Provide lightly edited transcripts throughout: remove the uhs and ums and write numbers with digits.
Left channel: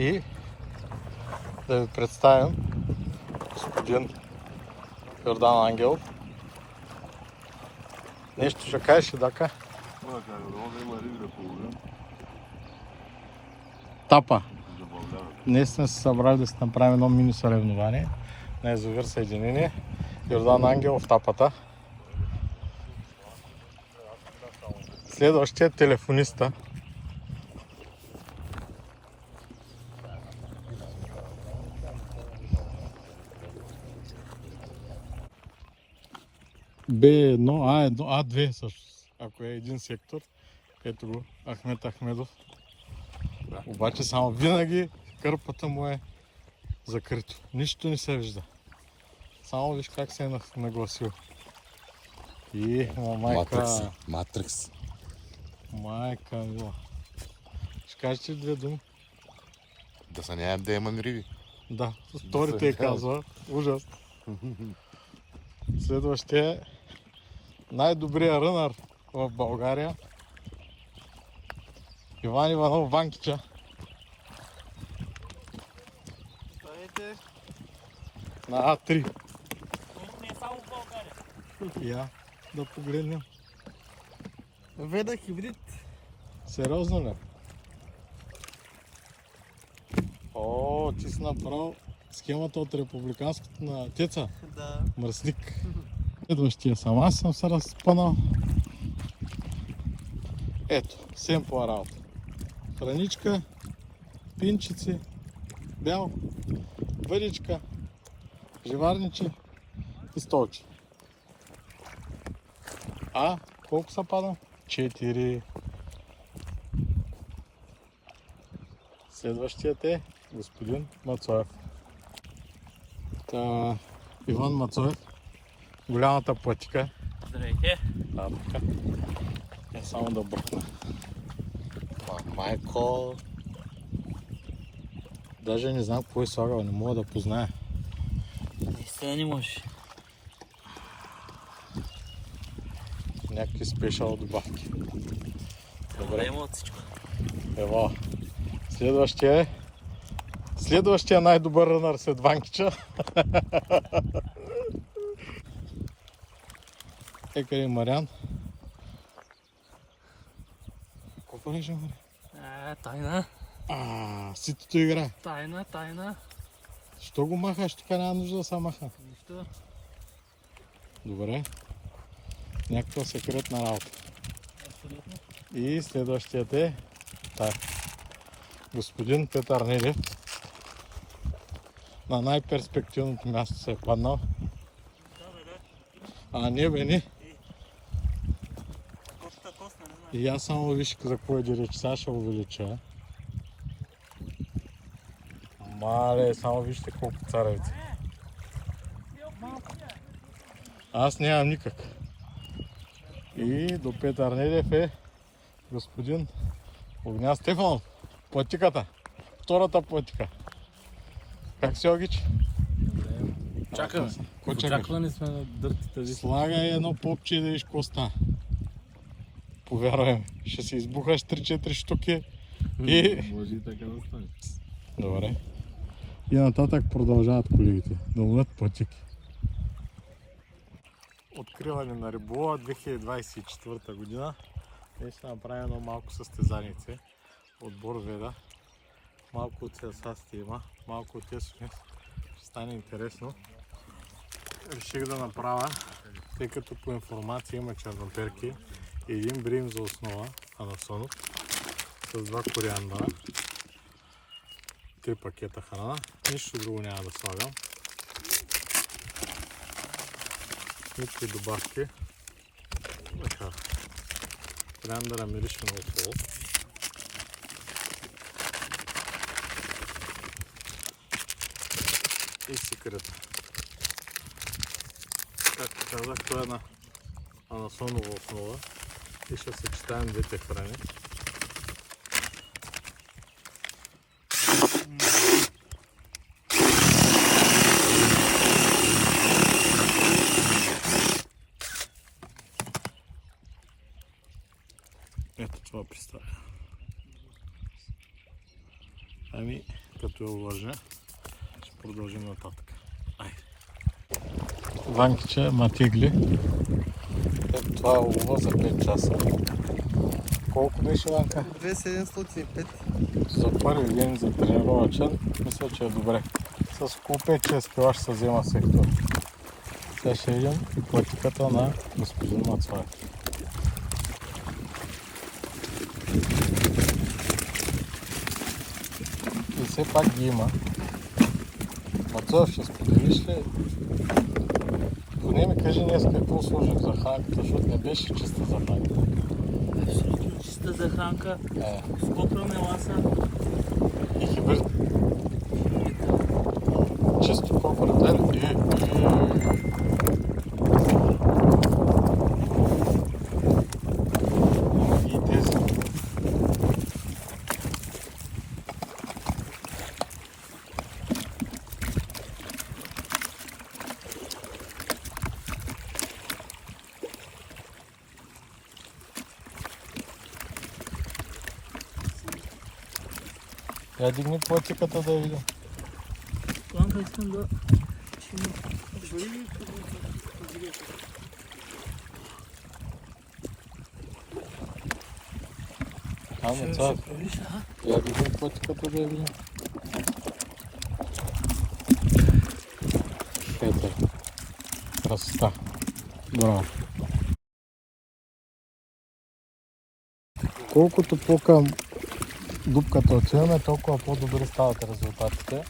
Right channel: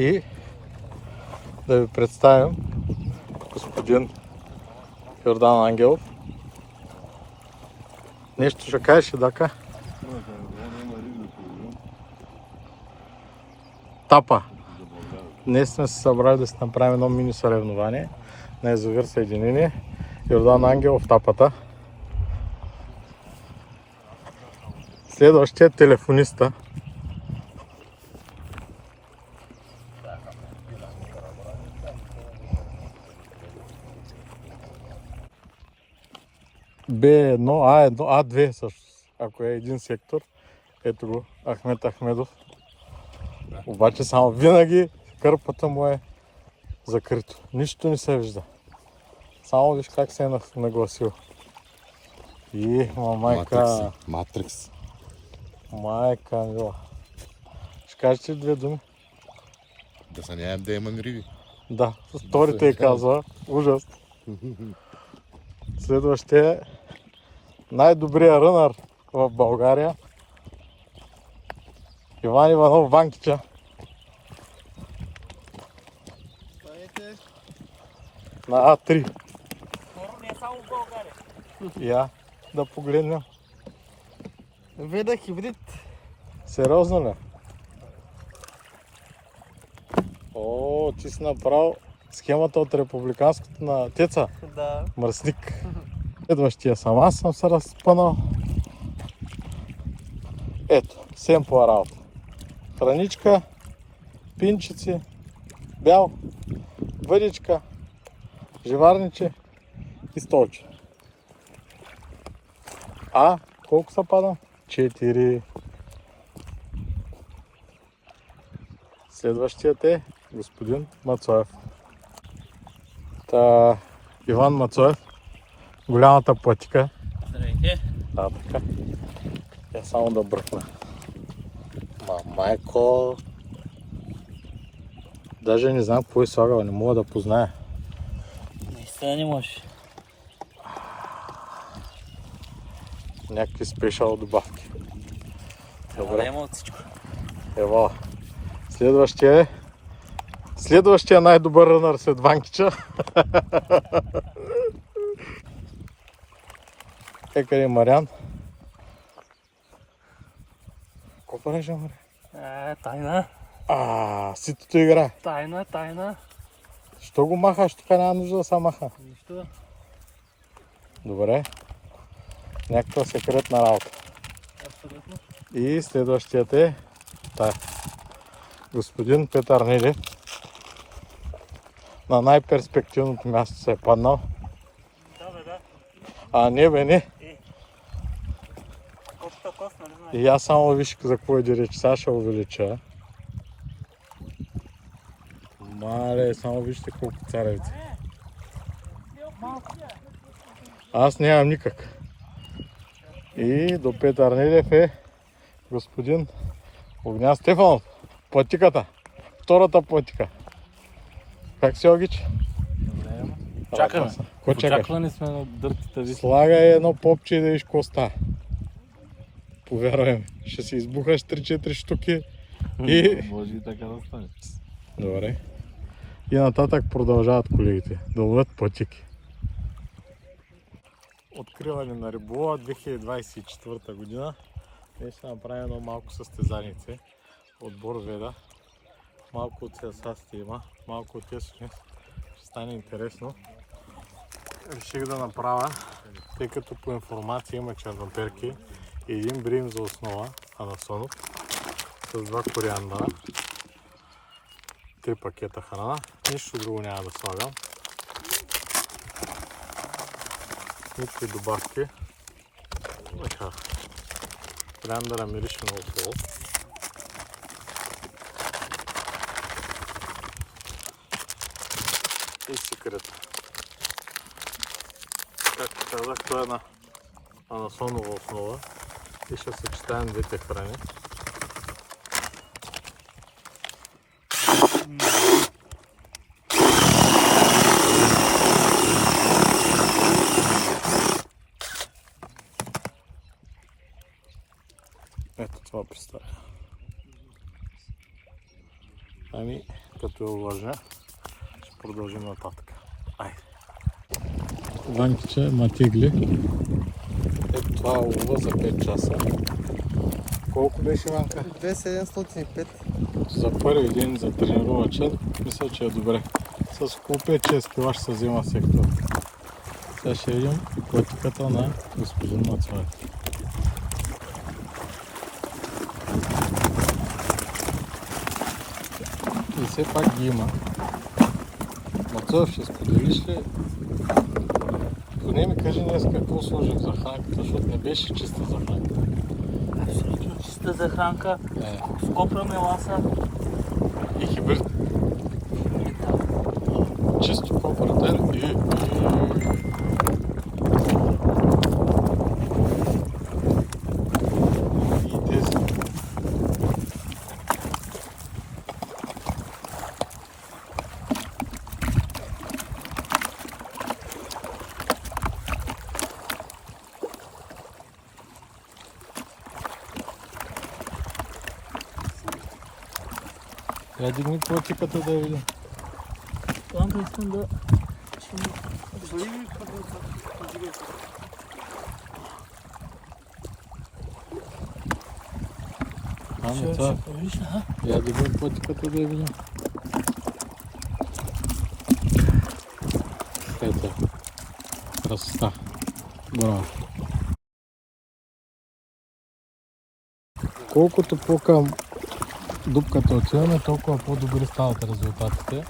И да ви представим господин Йордан Ангелов. Нещо ще кажеш, Дака? Тапа. Днес сме се събрали да си направим едно мини съревнование на язовир Съединение. Йордан Ангелов в тапата. Следващия телефониста. Б1, А1, А2 също, ако е един сектор. Ето го, Ахмед Ахмедов. Обаче само винаги кърпата му е закрито. Нищо не се вижда. Само виж как се е нагласил. И майка... Матрикс. Майка Ангела. Ще кажете ли две думи? Да се нямам да имам риби. Да, вторите и казва. Ужас. Следващия е най-добрият рънър в България. Иван Иванов Ванкича. На А3. Я да погледнем. Веда хибрид. Сериозно ли? О, ти си направил схемата от републиканското на Теца. Да. Мръсник. Следващия аз съм се разпънал. Ето, семпла работа. Храничка, пинчици, бял, въдичка, живарниче и столче. А колко са пада? 4. Следващият е господин Мацоев. Иван Мацоев, голямата платика. Здравейте. Да, така. Е само да бръкна. Майко. Даже не знам какво е слагал, не мога да позная. Наистина не можеш. Някакви спешъл добавки. Трябва да има от всичко. Ево. Следващия най-добър рънър след Ванкича. Къде е Мариан? Какво правиш, Мариан? Тайна. Ситото игра. Тайна. Що го махаш? Тук няма нужда да се маха. Нищо. Добре. Някаква секретна работа. Абсолютно. И следващият е господин Петър Недев. На най-перспективното място се е паднал. Да. Не бе, не. Котата кост, нали знаеш? И аз само виж за какво иде реч. Сега ще увелича. Мале, само вижте колко царевици. Аз нямам никак. И до Петър Недев е господин Огнян Стефанов. Платиката. Втората платика. Как си, Огич? Добре, чакаме. Какво чакаш? Очаквани сме на дъртите ви. Слагай едно попче и да виж какво става. Повярвай ми. Ще си избухаш 3-4 штуки и... Може и така да стане. Добре. И нататък продължават колегите да ловят платики. Откриване на риболова 2024 година. Ние ще направим едно малко състезанице. Отбор Веда. Малко от ССАСТИ има, малко от ЕСОНИС. Ще стане интересно. Реших да направя, тъй като по информация има черноперки и един брим за основа, анасонов, с 2 кориандъра, 3 пакета храна. Нищо друго няма да слагам. Никакви добавки. Така. Кориандъра мирише много хубаво. И секрета. Както казах, това е на анасонова основа и ще съчетаем двете храни. Ето това представя. Като я уважа, ще продължим нататък. Айде. Ванкиче матигли. Ето това е улова за 5 часа. Колко беше, Ванка? 2705. За първи ден за тренировачен, мисля, че е добре. С около 5-6 кила ще се взема сектор. Сега ще видим и пътиката на господин Мацвай. И все пак ги има. Мацов, ще споделиш ли? Поне ми кажи днес какво сложих за хранката, защото не беше чиста за хранка. Абсолютно чиста захранка. С копра меласа. И хибрид. Чисто кооперативно и тези. Я дигни платиката да видим. Ванка, искам да... Ами това, я дигни платиката да видим. Ето. Красота. Браво. Колкото по-към дупката отиваме, толкова по-добри стават резултатите.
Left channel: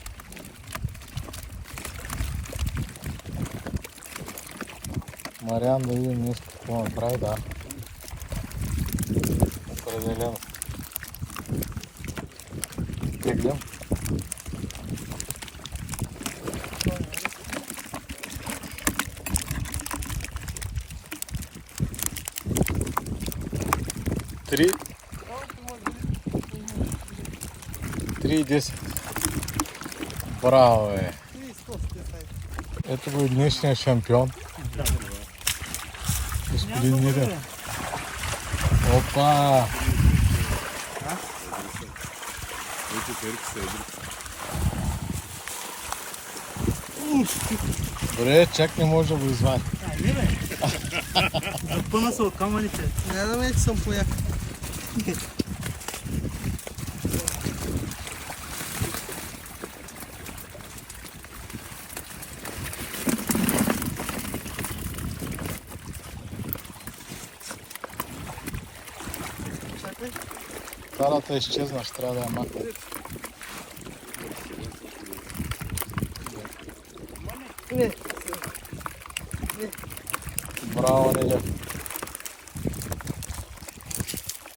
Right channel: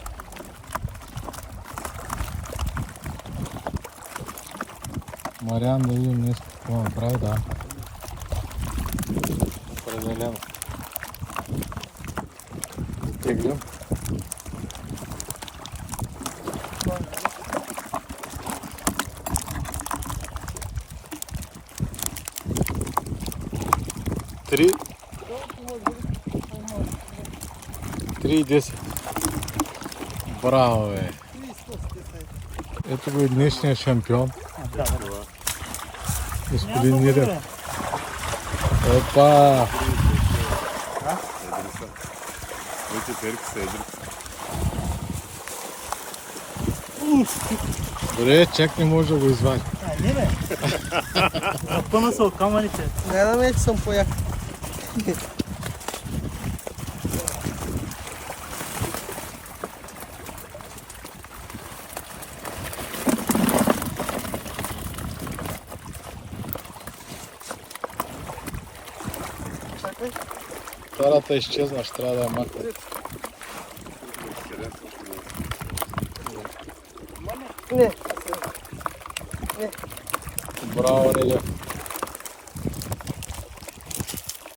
Мариан да видим нещо какво направи, да. Определено. Теглим. Три и 10. Браво, бе. Ето го и днешния шампион. Господин Мирев. Опа! Ето перки са едри. Добре, чак не може да го извади. Не бе! Запъна се от камъните. Не да ме, че съм пояк. Тарата изчезна, ще трябва да я махне. Не. Браво, Нелев.